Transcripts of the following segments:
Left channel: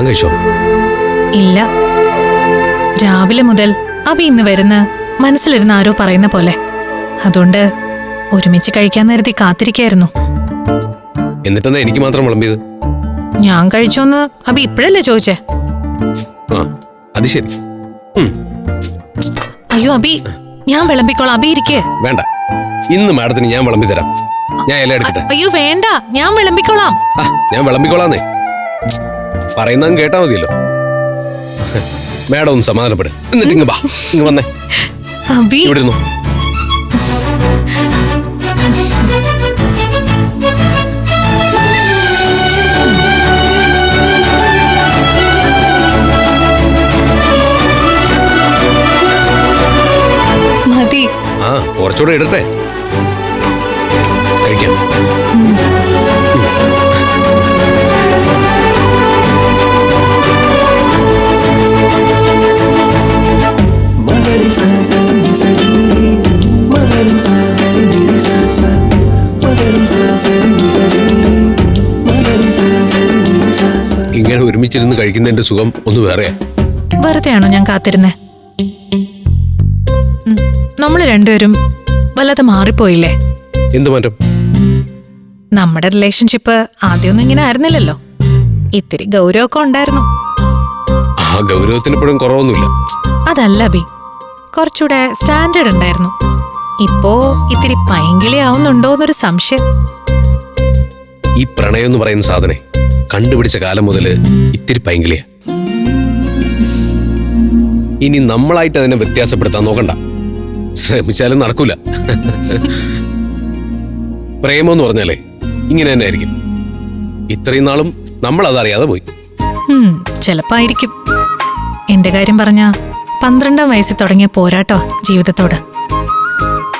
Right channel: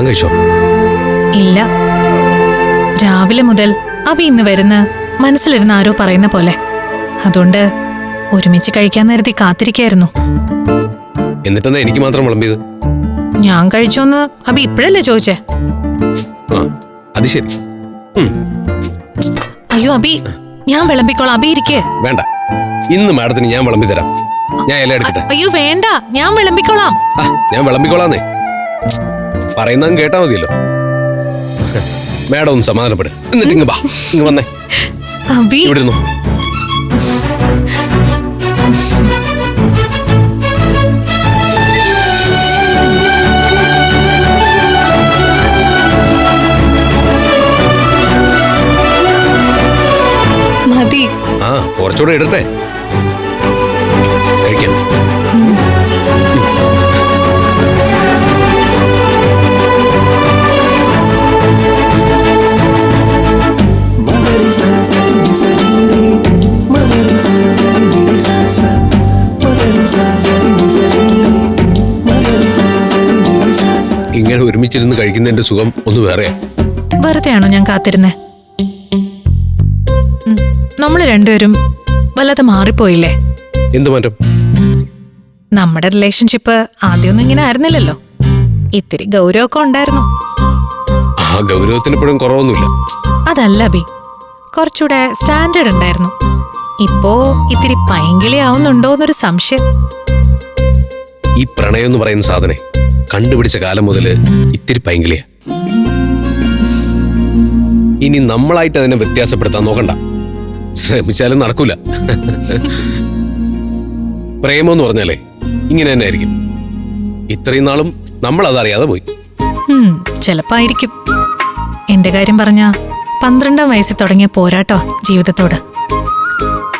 താൻ കഴിച്ചോ ഇല്ല. രാവിലെ മുതൽ അഭി ഇന്ന് വരുന്ന മനസ്സിലിരുന്ന ആരോ പറയുന്ന പോലെ. അതുകൊണ്ട് ഒരുമിച്ച് കഴിക്കാൻ നിരത്തി കാത്തിരിക്കായിരുന്നു. എന്നിട്ടെന്നാ എനിക്ക് മാത്രം വിളമ്പിയത്? ഞാൻ കഴിച്ചോന്ന് അബി ഇപ്പോഴല്ലേ ചോദിച്ചേ? ആ അത് ശരി. ഉം, അയ്യോ അബി ഞാൻ വിളമ്പിക്കോളാം. അബി ഇരിക്കേ. വേണ്ട. ഇന്ന് മാഡത്തിന് ഞാൻ വിളമ്പി തരാം. ഞാൻ ഇല എടുക്കട്ടെ. അയ്യോ വേണ്ട. ഞാൻ വിളമ്പിക്കോളാം. ആ ഞാൻ വിളമ്പിക്കോളാന്നേ. പറയുന്നതും കേട്ടാ മതിയല്ലോ. മാഡം ഒന്ന് സമാധാനപ്പെട്. എന്നിട്ട് ഇങ്ങ് വാ. ഇങ്ങ് വന്നേ. അബി. ഇവിടെ ഇരുന്നു മതി. ആ കുറച്ചുകൂടെ ഇടട്ടെ കഴിക്കാം. ഇങ്ങനെ ഒരുമിച്ചിരുന്ന് കഴിക്കുന്നതിന്റെ സുഖം ഒന്ന് വേറെയാ വെറുതെയാണോ ഞാൻ കാത്തിരുന്നേ? നമ്മൾ രണ്ടുപേരും വല്ലാതെ മാറിപ്പോയില്ലേ? എന്ത് മാറ്റം? നമ്മുടെ റിലേഷൻഷിപ്പ് ആദ്യമൊന്നും ഇങ്ങനെ ആയിരുന്നില്ലല്ലോ. ഇത്തിരി ഗൗരവമൊക്കെ ഉണ്ടായിരുന്നു. ആ ഗൗരവത്തിന് ഇപ്പോഴും കുറവൊന്നുമില്ല. അതല്ല ബി കുറച്ചുകൂടെ സ്റ്റാൻഡേർഡ് ഉണ്ടായിരുന്നു. ഇപ്പോ ഇത്തിരി പൈങ്കിളി ആവുന്നുണ്ടോന്നൊരു സംശയം. ഈ പ്രണയം എന്ന് പറയുന്ന സാധനെ കണ്ടുപിടിച്ച കാലം മുതൽ ഇത്തിരി പൈങ്കിളിയാ. ഇനി നമ്മളായിട്ട് അതിനെ വ്യത്യാസപ്പെടുത്താൻ നോക്കണ്ട. ശ്രമിച്ചാലും നടക്കൂല. പ്രേമം എന്ന് പറഞ്ഞാലേ ഇങ്ങനെ തന്നെ ആയിരിക്കും. ഇത്രയും നാളും നമ്മൾ അതറിയാതെ പോയി. ചിലപ്പോ ആയിരിക്കും എന്റെ കാര്യം പറഞ്ഞ പന്ത്രണ്ടാം വയസ്സിൽ തുടങ്ങിയ പോരാട്ടോ ജീവിതത്തോട്.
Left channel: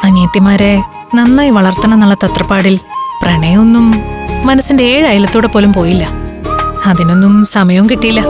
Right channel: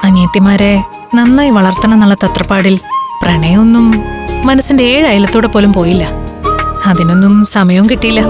അനിയത്തിമാരെ നന്നായി വളർത്തണം എന്നുള്ള തത്രപ്പാടിൽ പ്രണയമൊന്നും മനസ്സിന്റെ ഏഴ് അയലത്തൂടെ പോലും പോയില്ല. അതിനൊന്നും സമയവും കിട്ടിയില്ല.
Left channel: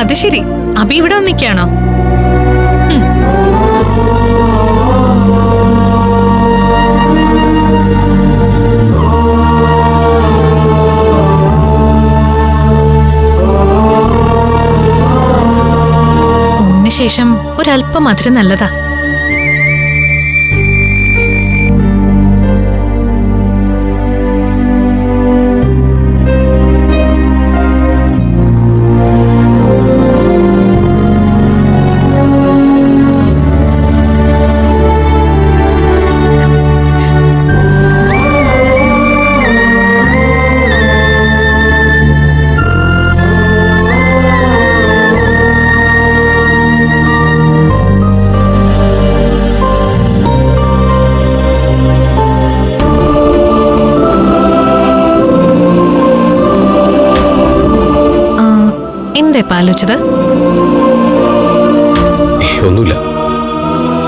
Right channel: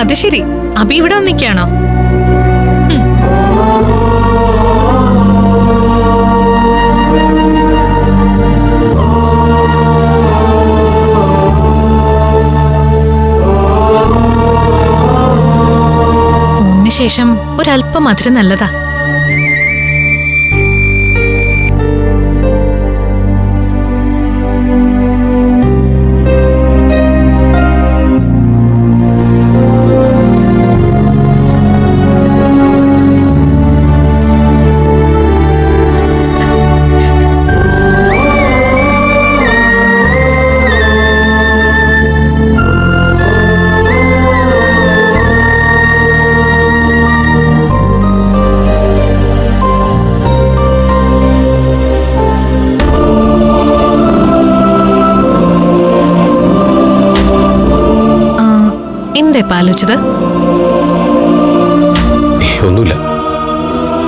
അത് ശരി. അബി ഇവിടെ വന്നിക്കാണോ ശേഷം ഒരല്പം മധുരം നല്ലതാ. എന്താ ഇപ്പൊ ആലോചിച്ചത് ഒന്നുമില്ല.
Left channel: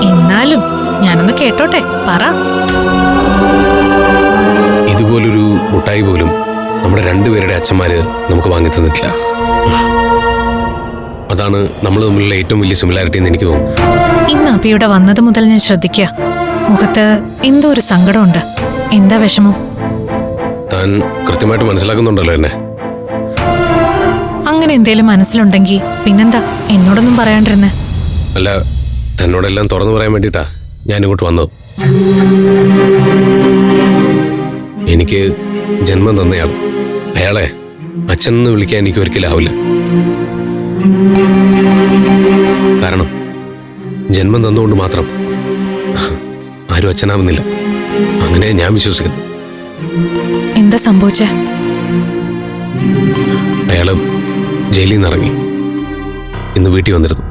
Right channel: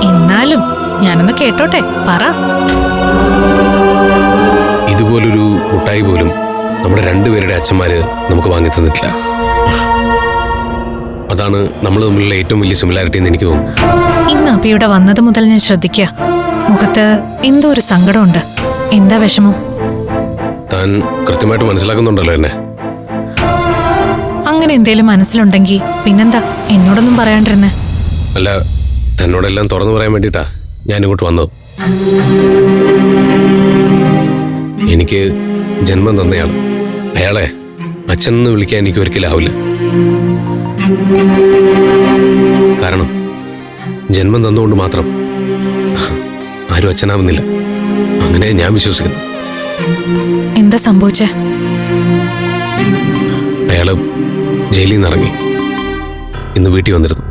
എന്നാലും ഞാനൊന്ന് കേട്ടോട്ടെ പറ. ഇതുപോലൊരു മുട്ടായി പോലും നമ്മുടെ രണ്ടുപേരുടെ അച്ഛന്മാര് നമുക്ക് വാങ്ങി തന്നിട്ടില്ല. അതാണ് നമ്മൾ തമ്മിലുള്ള ഏറ്റവും വലിയ സിമിലാരിറ്റി എന്ന് എനിക്ക് തോന്നുന്നു. ഇന്ന് അപ്പി ഇവിടെ വന്നത് മുതൽ ഞാൻ ശ്രദ്ധിക്കുക മുഖത്ത് എന്തോ ഒരു സങ്കടമുണ്ട്. എന്താ വിഷമം? താൻ കൃത്യമായിട്ട് മനസ്സിലാക്കുന്നുണ്ടല്ലോ എന്നെ. അങ്ങനെ എന്തേലും മനസ്സിലുണ്ടെങ്കിൽ പിന്നെന്താ എന്നോടൊന്നും പറയാണ്ടിരുന്നേ? അല്ല തന്നോടെല്ലാം തുറന്നു പറയാൻ വേണ്ടിട്ടാ ഞാൻ ഇങ്ങോട്ട് വന്നത്. എനിക്ക് ജന്മം തന്നയാൾ അയാളെ അച്ഛൻ എന്ന് വിളിക്കാൻ എനിക്ക് ഒരിക്കലാവില്ല കാരണം ജന്മം തന്നുകൊണ്ട് മാത്രം ആരും അച്ഛനാവുന്നില്ല. അങ്ങനെ ഞാൻ വിശ്വസിക്കുന്നു. എന്താ സംഭവിച്ചേ? അയാൾ ജയിലിൽ നിന്ന് ഇറങ്ങി. ഇന്ന് വീട്ടിൽ വന്നിരുന്നു.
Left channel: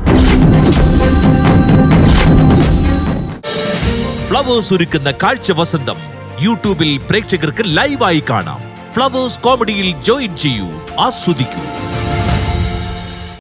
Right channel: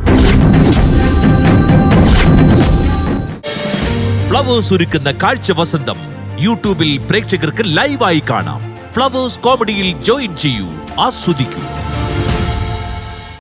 ഫ്ലവേഴ്സ് ഒരുക്കുന്ന കാഴ്ച വസന്തം യൂട്യൂബിൽ പ്രേക്ഷകർക്ക് ലൈവായി കാണാം. ഫ്ലവേഴ്സ് കോമഡിയിൽ ജോയിൻ ചെയ്യൂ ആസ്വദിക്കൂ.